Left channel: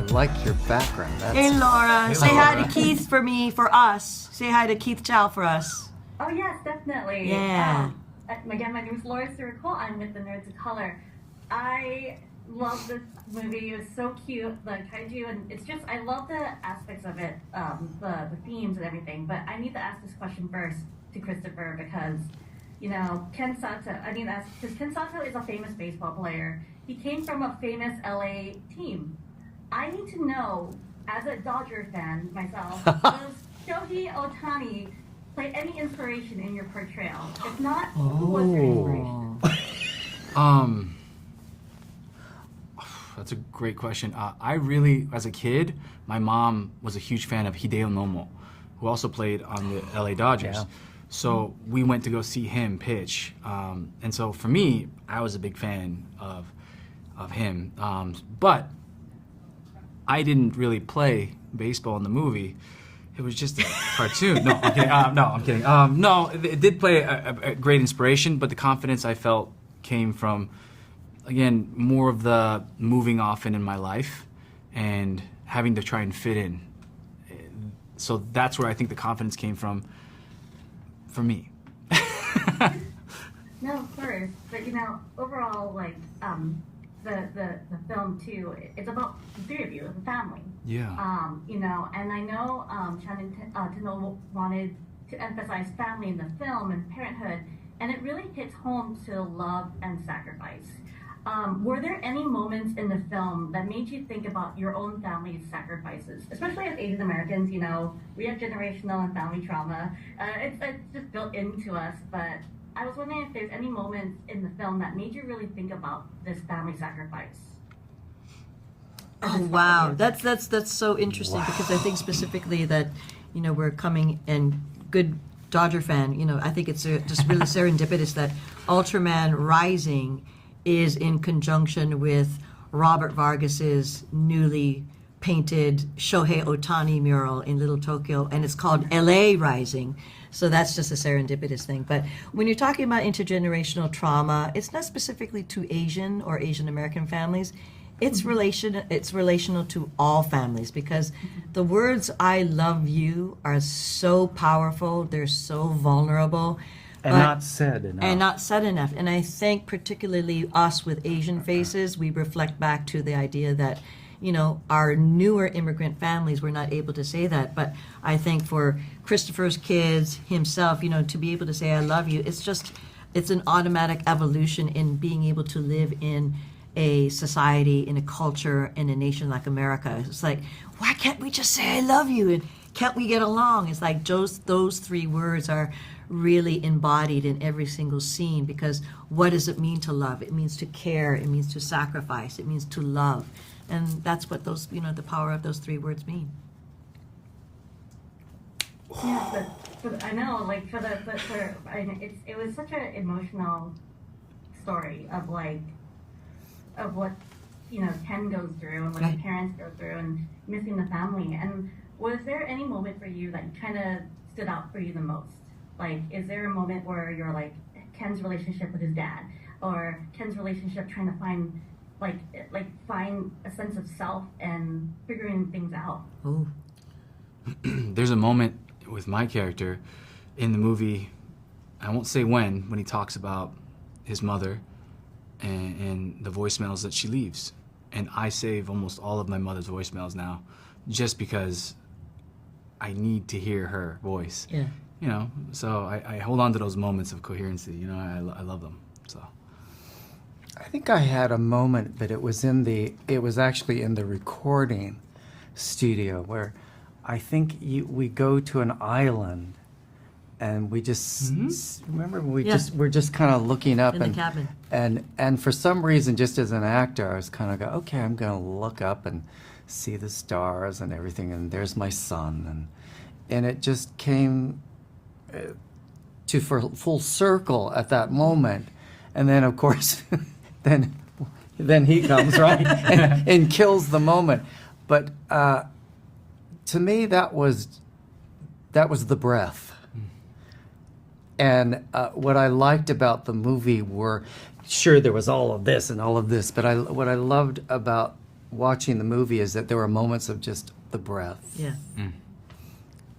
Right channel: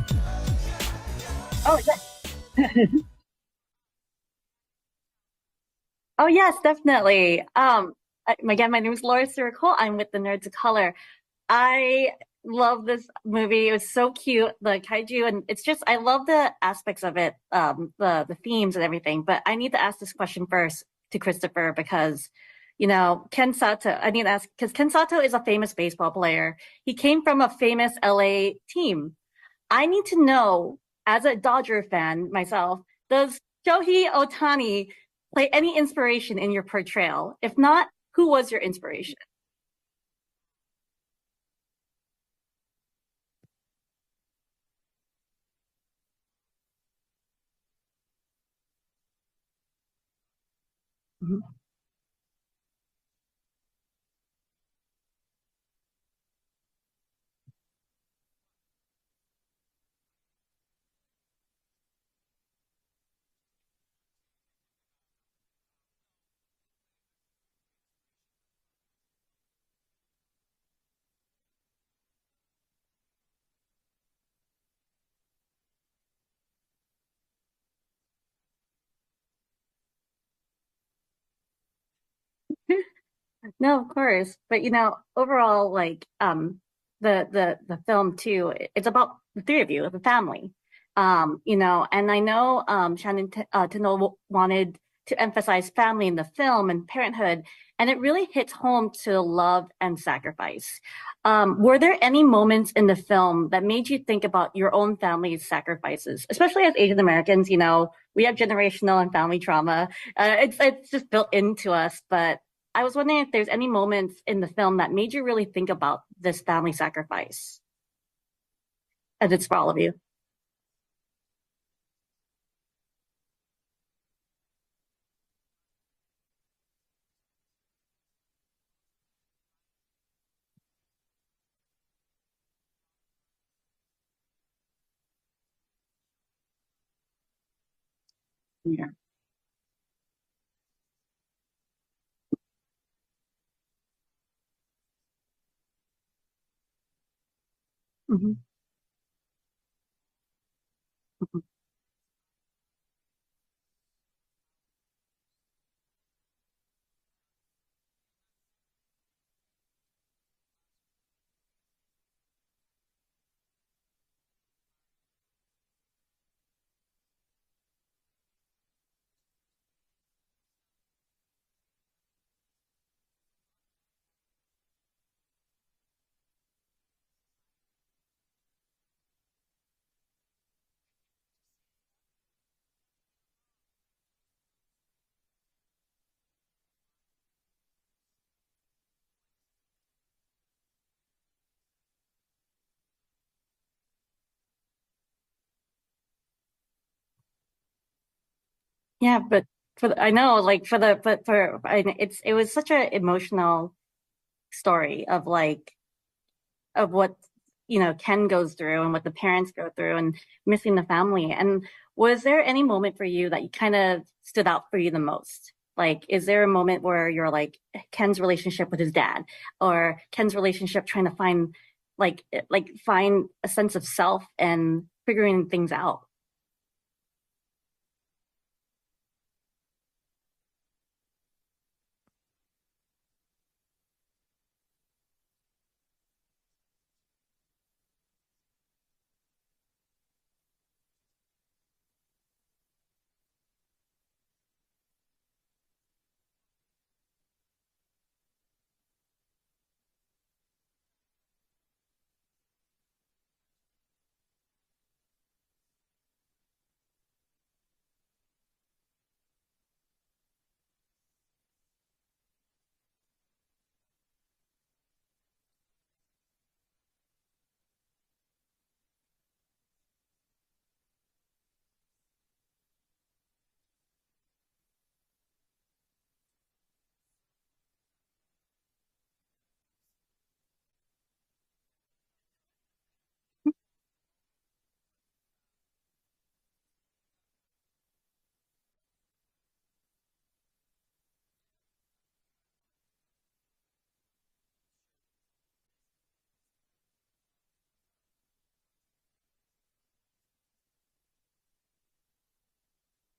I like your background. Hey Laura, say hi to Keith for me, for us. Say hi to Keith Chow for us. Oh yes, definitely. Yeah. Again, my name is Laura Sirico. I'm with the Nerds of Color. I love this movie. It was so cute, the kaiju, and it's just I love the aspects of it, the themes and everything. But I need to ask this question first to Christopher because, Ken Sato. I need to ask because Ken Sato is a famous baseball player. He came from a famous LA team. I need to know, as a Dodger fan myself, does Shohei Ohtani play any inspiration in your portrayal? If not, who was your inspiration? That's a great question. I really, as a kid, my mom was a huge fan of Hideo Nomo, who also played on the LA Dodgers. Yeah. So we went to go see him pitch. And so for me, I was a big fan of him. But I didn't really play baseball in the movie. It was just a cartoon. No, I'm kidding. I'm kidding. No, it did play a great inspiration, but the confidence I felt came from, again, more of the moving often in my life and having to try and fit in. So that's where I think the confidence came from for me. No, of course. But overall, like the film too, it's about the three of you, the family. Yeah. And I know Shannon Tino wanted to emphasize family in the film and parenthood, and it really hits home to love and sacrifice. Were there any moments in the film that made you think about your own family's sacrifices, especially as Asian Americans? We have generational and family trauma. It's just built into us. But I was wondering if there's any moments in the film that made you really think about this family sacrifice. As it's for all of Wow, you. that's so interesting because I think specifically that we're coming and good Dodger fan. I think it's just really serendipitous that Ultraman Rising is in conjunction with Robert Vargas's newly painted Shohei Ohtani mural in Little Tokyo, and it's called LA Rising. So that's just a serendipitous thing. But when you're talking about intergenerational trauma, it's not specifically to Asian or Asian American families. It's relational to all families because the words "I love you" are so powerful. They're so vulnerable. And not said enough. And not said enough. And I think particularly us with Asian faces, we reflect back to the idea that, our newer immigrant families were not able to say that. But I think for Christopher's kids, himself, to be able to say I love you, it's an automatic evolution in being able to live in a society, in a culture, in a nation like America. It's like, why can't we just say I love you? And can't we get along? It's like those three words are really embodied in every single scene because what does it mean to love? It means to care, it means to sacrifice, it means to love. And that's what those, the power of those three words mean. Yeah, but I know, like it was such an emotional story of what Ken goes through and what the parents go through and missing the family. And was there any moment for you that kind of stood out for you the most? Like, is there a moment where you're like Ken's relationship with his dad, or Ken's relationship trying to find find a sense of self and figuring things out? Oh, There's a moment with my character in the movie, I won't say when he talks about his mother and the voicemails that she leaves. And I save almost all of my mother's voicemails now just because I need to hear her voice. yeah. So I hold on to those moments of coherency. I love them. So I think I had a moment, but it was actually in the recording studio where I think we go to an island and we just remember we're just kind of looking up In the cabin. and for some reason, just as an actor, I was kind of okay, I'm going to look up and see the stars and everything, and there's my son, and it just came to full circle at that moment, and then of course, then he comes right and kills the moment, but to me that was the breath. And what I liked about the movie were, sure, there was all of this and all of this, but what I loved about watching the movie is that there were moments of just the breath. Yeah.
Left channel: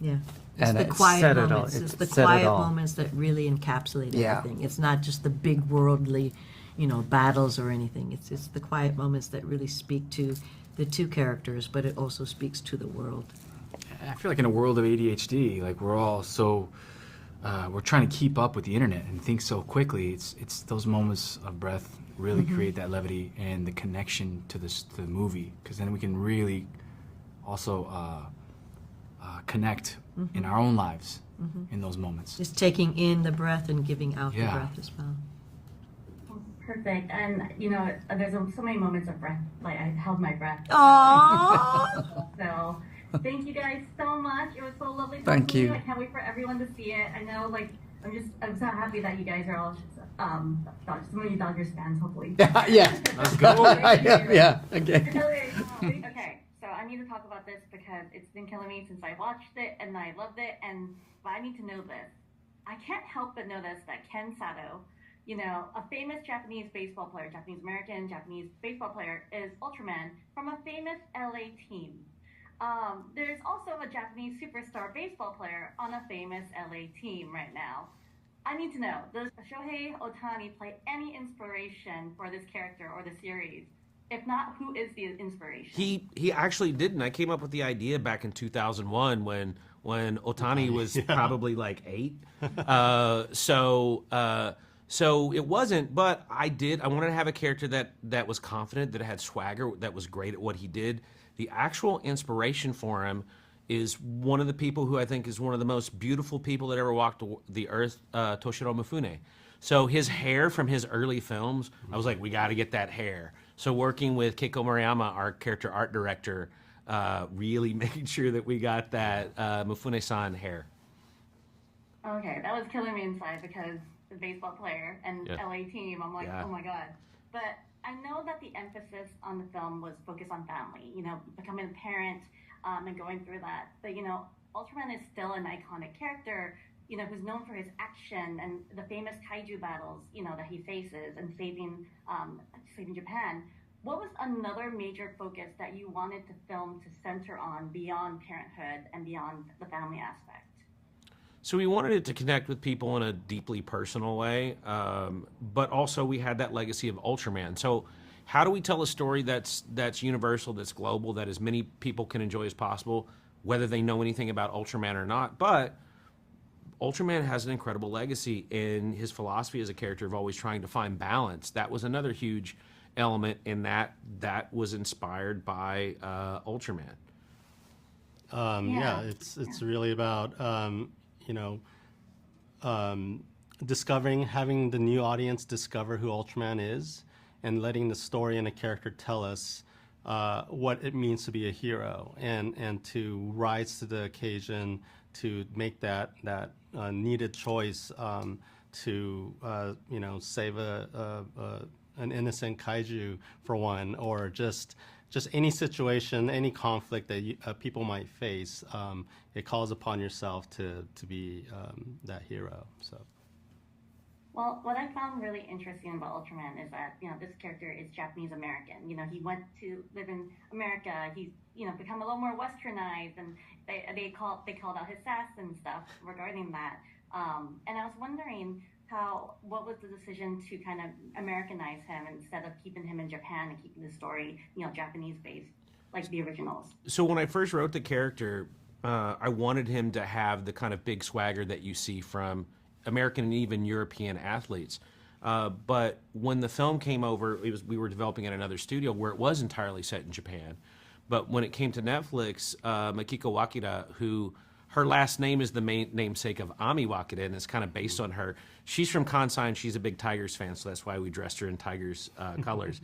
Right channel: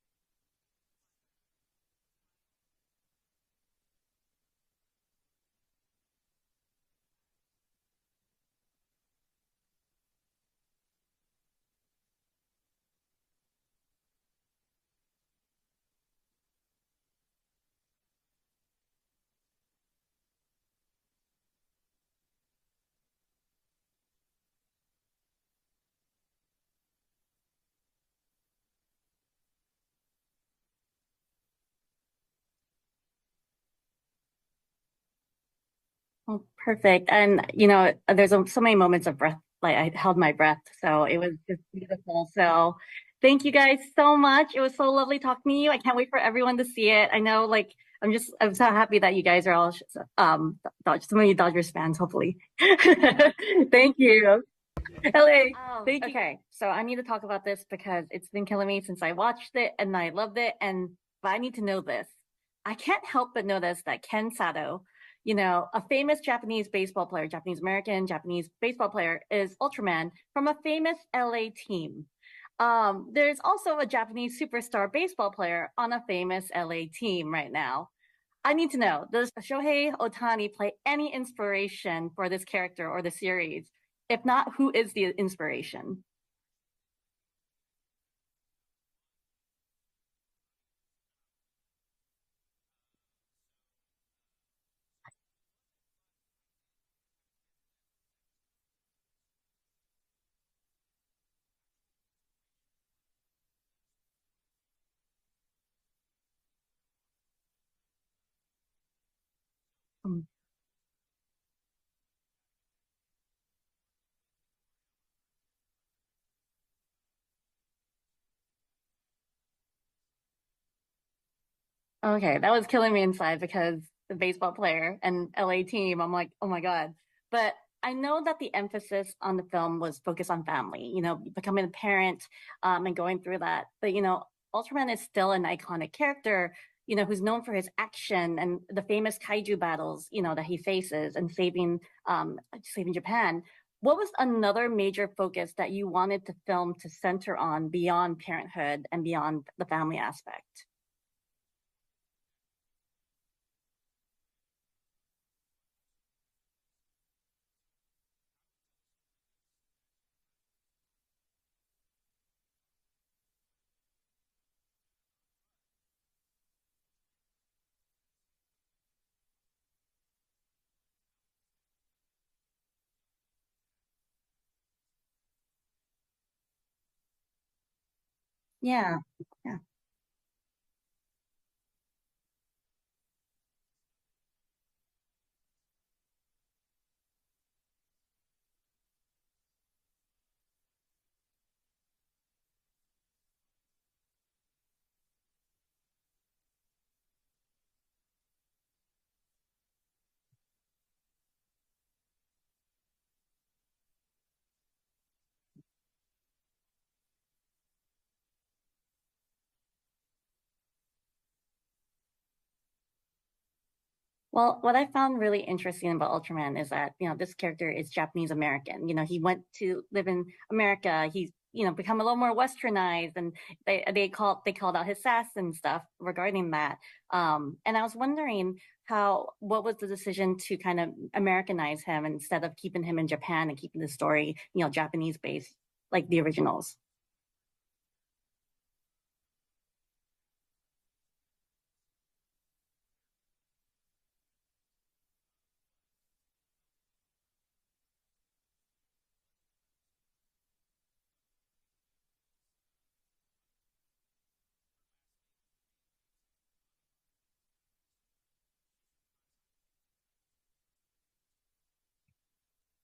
Yeah. It's And the it quiet said it all. moments. It It's the said it quiet all. moments that really encapsulate Yeah. everything. It's not just the big worldly, battles or anything. It's the quiet moments that really speak to the two characters, but it also speaks to the world. I feel like in a world of ADHD, like we're all so we're trying to keep up with the internet and think so quickly. It's those moments of breath really create that levity and the connection to the movie, because then we can really also connect in our own lives in those moments. Just taking in the breath and giving out the Yeah. breath as well. Oh, perfect. And there's so many moments of breath. Like I held my breath, so it was beautiful. So, thank you guys so much. It was so lovely talking Thank to you. you. I can't wait for everyone to see it. I know, I'm so happy that you guys are all some of you Dodgers fans, hopefully. Yeah. Thank you. Yeah. Okay. LA. Thank you. Okay, so I need to talk about this because it's been killing me since I watched it and I loved it. But I need to know this. I can't help but notice that Ken Sato, a famous Japanese baseball player, Japanese American, Japanese baseball player, is Ultraman from a famous LA team. There's also a Japanese superstar baseball player on a famous LA team right now. I need to know, does Shohei Ohtani play any inspiration for this character or the series? If not, who is the inspiration? He actually didn't. I came up with the idea back in 2001 when Ohtani was probably like 8. So it wasn't, but I wanted to have a character that was confident, that had swagger, that was great at what he did. The actual inspiration for him is one of the people who I think is one of the most beautiful people that ever walked the earth, Toshiro Mifune. So his hair from his early films, I was like, we got to get that hair. So working with Keiko Maruyama, our character art director, really making sure that we got that Mifune-san hair. Okay, that was killing me inside because the baseball player and LA team, I'm like, oh my God. But I know that the emphasis on the film was focused on family, becoming a parent and going through that. But, Ultraman is still an iconic character, who's known for his action and the famous kaiju battles, that he faces and saving Japan. What was another major focus that you wanted the film to center on beyond parenthood and beyond the family aspect? So we wanted it to connect with people in a deeply personal way, but also we had that legacy of Ultraman. So how do we tell a story that's universal, that's global, that as many people can enjoy as possible, whether they know anything about Ultraman or not? But Ultraman has an incredible legacy in his philosophy as a character of always trying to find balance. That was another huge element in that was inspired by Ultraman. It's really about discovering, having the new audience discover who Ultraman is, and letting the story and the character tell us what it means to be a hero, and to rise to the occasion, to make that needed choice to save an innocent kaiju for one, or just any situation, any conflict that people might face. It calls upon yourself to be that hero. So. Well, what I found really interesting about Ultraman is that, this character is Japanese American. He went to live in America. He's, become a little more westernized, and they called out his sass and stuff regarding that. And I was wondering what was the decision to kind of Americanize him instead of keeping him in Japan and keeping the story, Japanese based like the originals? So when I first wrote the character, I wanted him to have the kind of big swagger that you see from American and even European athletes. But when the film came over, we were developing at another studio where it was entirely set in Japan. But when it came to Netflix, Makiko Wakita, who her last name is the main namesake of Ami Wakita, and it's kind of based on her. She's from Kansai, and she's a big Tigers fan, so that's why we dressed her in Tigers colors.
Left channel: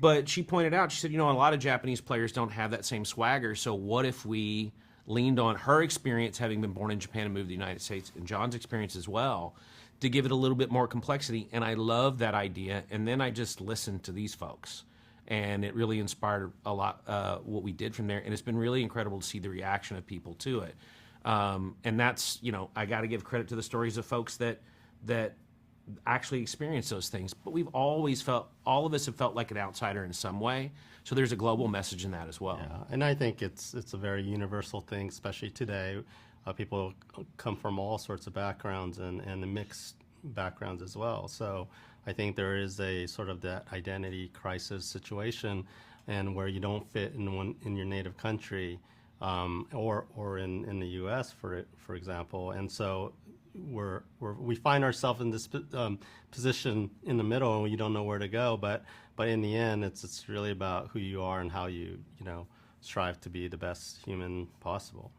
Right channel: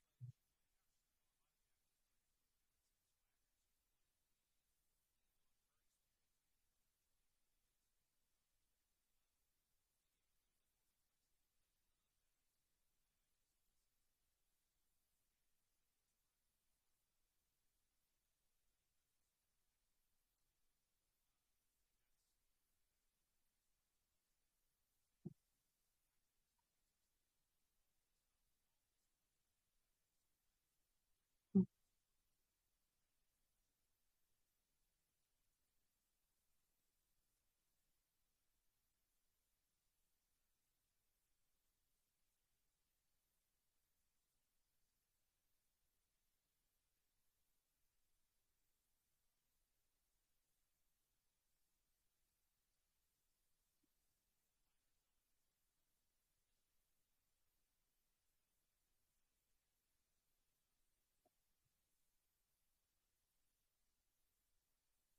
But she pointed out, she said, a lot of Japanese players don't have that same swagger, so what if we leaned on her experience, having been born in Japan and moved to the United States, and John's experience as well, to give it a little bit more complexity. And I love that idea. And then I just listened to these folks, and it really inspired a lot what we did from there. And it's been really incredible to see the reaction of people to it. And that's, I got to give credit to the stories of folks that actually experience those things. But we've always felt, all of us have felt like an outsider in some way. So there's a global message in that as well. Yeah, and I think it's a very universal thing, especially today. People come from all sorts of backgrounds and mixed backgrounds as well. So I think there is a sort of that identity crisis situation, and where you don't fit in your native country, or in the U.S. for example, and so we find ourselves in this position in the middle, and you don't know where to go. But in the end, it's really about who you are and how you strive to be the best human possible.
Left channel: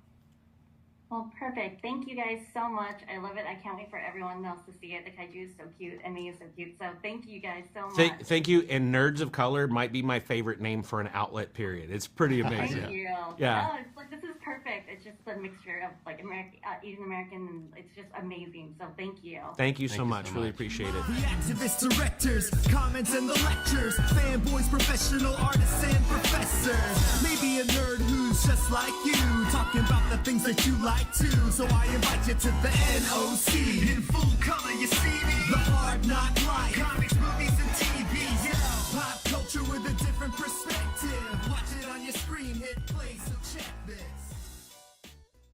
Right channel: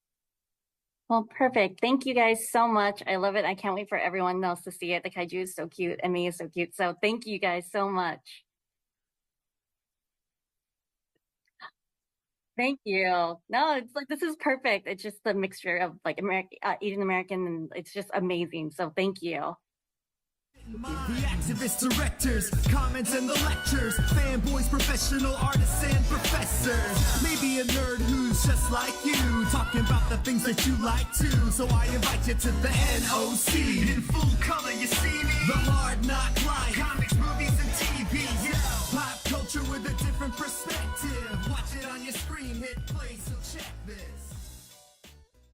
Well, perfect. Thank you guys so much. I love it. I can't wait for everyone else to see it. The kaiju is so cute, and me is so cute. So thank you guys so much. Thank you. And Nerds of Color might be my favorite name for an outlet, period. It's pretty amazing. Thank you. Yeah. No, it's like, this is perfect. It's just the mixture of like Asian American, and it's just amazing. So thank you. Thank you so much. Really appreciate it. The activists, directors, comments and the lectures, fanboys, professional artists and professors. Maybe a nerd who's just like you, talking about the things that you like too. So I invite you to the NOC in full